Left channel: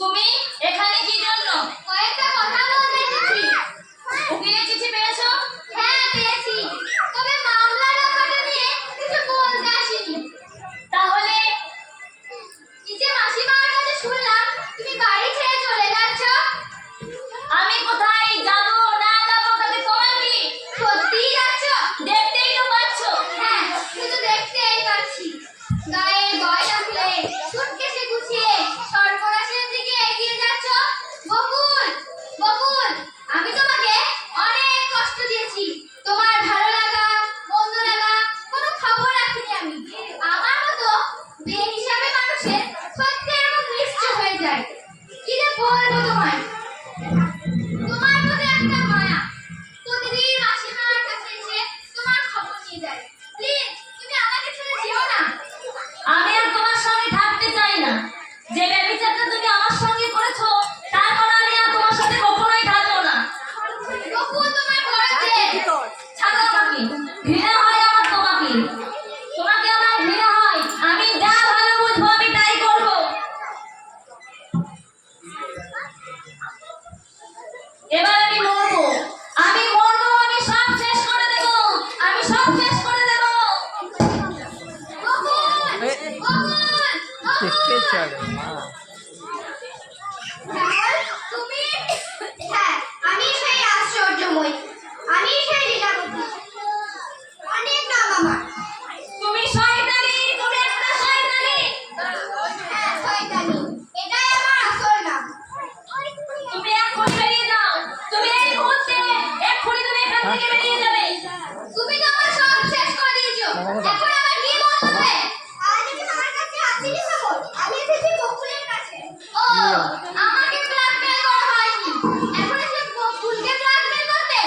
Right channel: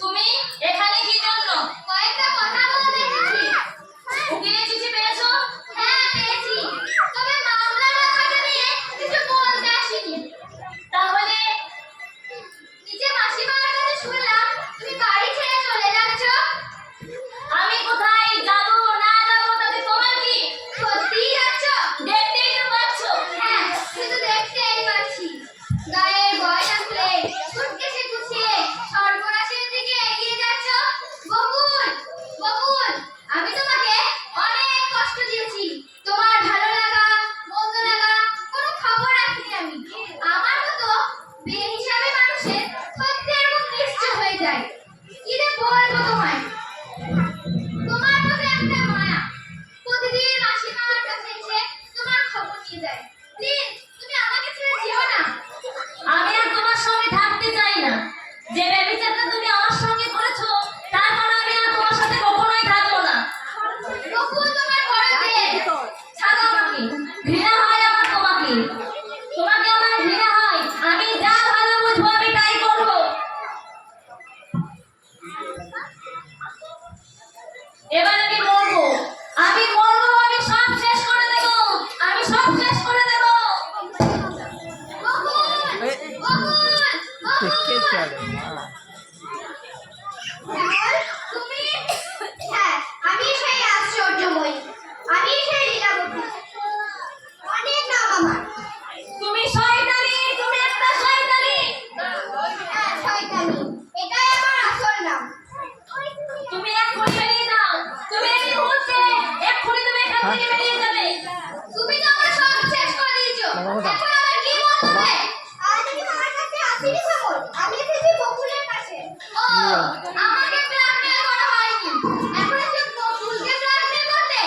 তুমি এখানে কি জন্য? কয়েকটা কথা বলতে এসেছি। উকিলের চিঠি পেয়েছো? হ্যাঁ পেয়েছি, তবে মামলার ব্যাপারটা নিয়ে কিছু বলতে আসিনি। তাহলে নিচে মাসিমার কাছে শুনলাম তুমি বাড়ি ছেড়ে চলে যাচ্ছ। আমি কোথায় যাব না যাব তাতে তোমার কি? সত্যিই যাচ্ছ? দেখতেই তো পাচ্ছ। হ্যাঁ, শুধু দেখতেই পাচ্ছি। গায়ে গয়না খুলে সুটকেসে গুছিয়ে সর্বনাশের দিকে এগিয়ে যাচ্ছ। বকুল, বকুল, আমি তোমাকে অনেক কষ্ট দিয়েছি। তোমার ভালো লাগা, মন্দ লাগা কোনো খবর রাখিনি আমি। আমার মতো বেহিসাবি মানুষের সত্যি এরকম নিশ্চয় হয়ে যায়। কি যে বলবো তোমায়, তোমার প্রতি একটা মায়া। প্রতিদিন মাসিমার কাছে এসে তোমার খবর নিয়ে যায়। প্লিজ তুমি আমাকে ছেড়ে যেও না। আমি আর তোমার সঙ্গে থাকতে চাই না। যে ব্যভিচারটা তুমি আমার সঙ্গে করেছো তারপর আমি আর তোমার সাথে কখনোই থাকবো না। বকুল তোমার ঘরেতে ছাড়ো আমাকে। ঘৃণা হয় আমার তোমাকে। তোমাকে আমার ঘৃণা হয়। আমি যা ভালো বুঝবো আমি তাই করব। এবার আমি মরবো। আমি মরবো। আমি সব শেষ করে দেব। আমি সব শেষ করে দেব। বকুল, বকুল, দেখে বকুল। চলে মা। তুমি? হ্যাঁ, আমি সেই আশ্চর্যময়ী, আমি সেই লীলাবতী। অনেক নাম আমার। তুমি শয়তানি। তুমি একটা শয়তানি। হ্যাঁ, শয়তানি, এটাই আমার আসল নাম। তুমি এক্ষুনি বেরিয়ে যাও। তুমি এই মুহূর্তে এক্ষুনি তুমি এখান থেকে বেরিয়ে যাবে। তুমি তো আমার সব শেষ করে দিয়েছো। মামা, এখন আমার কি বলতে হবে? আজ আমি তোমার কাছে আসিনি কেবল, আমি এসেছি বকুলের কাছে। ও, আমাকে ব্ল্যাকমেল করা হয়নি। এখন এসে বকুলকে ব্ল্যাকমেল করতে?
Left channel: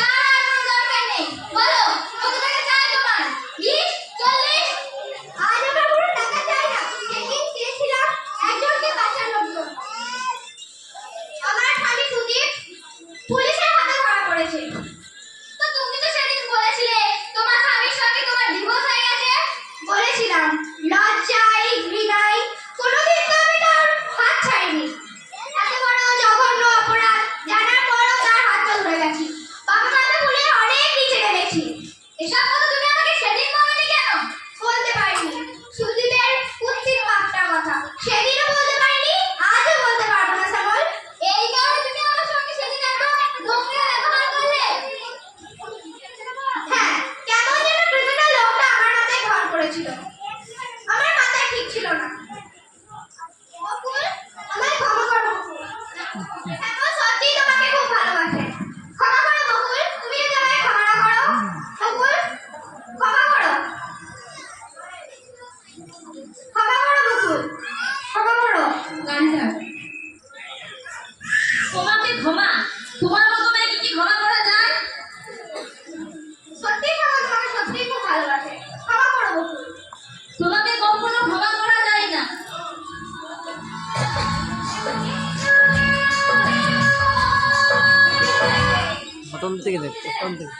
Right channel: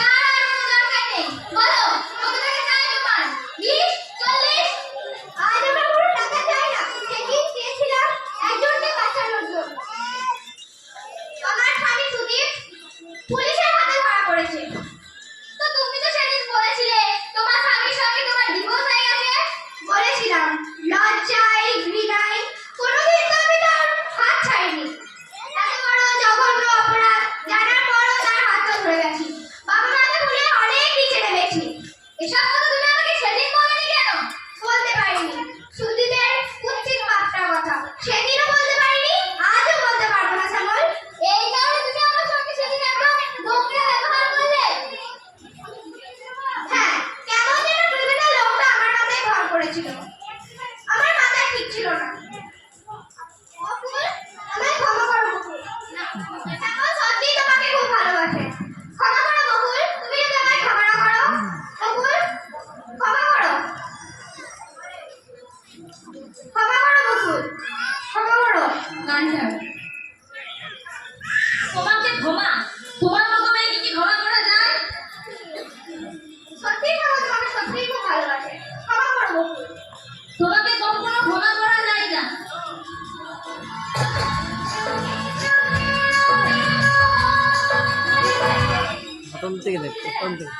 তার আর কোনো দরকার নেই। বলো, কত টাকা চাই তোমার? 20, 40? আজ আমরা কোনো টাকা চাই না। সেদিন চেয়েছিলাম একজনকে বাঁচানোর জন্য। আমার স্বামী সুদীপ পুলিশের হাতে ধরা পড়েছে। তো তুমি তো সেদিন বলেছিলে তোমার স্বামীর সঙ্গে তোমার ডিভোর্স হয়ে গেছে। বলেছিলাম, লজ্জায় ঘৃণায় কোনোদিন তো আমি তোর হাত ছাড়িনি। এত বড় জঘন্য অপরাধ জানার পরও তার হাতটা ধরে গেছি। বাবা মাকে ভুলে অনেক নিচে নেমেছি। এসব কথা তুমি আমাকে সেদিন বলনি কেন? বলতে পারিনি। সুদীপের কুৎসিত পাপটার কথা সেদিনও বলতে পারিনি, আজও বলতে পারবো না শ্যামল। এই কারণে তুমি আমার সঙ্গে সেদিন একদম নোংরা ব্যবহার করলে। হ্যাঁ, কেমন যেন ক্রিমিনাল লোকটা আমার মাথায় ভর করেছিল। আমার মাথায় ঠিক ছিল না। বকুল, আমায় ক্ষমা করো বকুল। এখন সত্যিই তোমাকে খুব ভালোবাসে। ক্ষমা করো বকুল, তুমি যদি আমায় ক্ষমা না করো। বকুল, ক্ষমা করো। ক্ষমা করো বকুল, ক্ষমা করো। গানটা তোমাকে ক্ষমা? তোমার মতো মেয়েকে কি ক্ষমা করা যায়? সত্যিই ক্ষমা, তোমাকে সত্যিই খুব ভালোবাসে। ক্ষমা করো বকুল। তোমাকে কখনো ক্ষমা করা যায় না। প্রথম থেকে দেখ, প্রথম থেকে।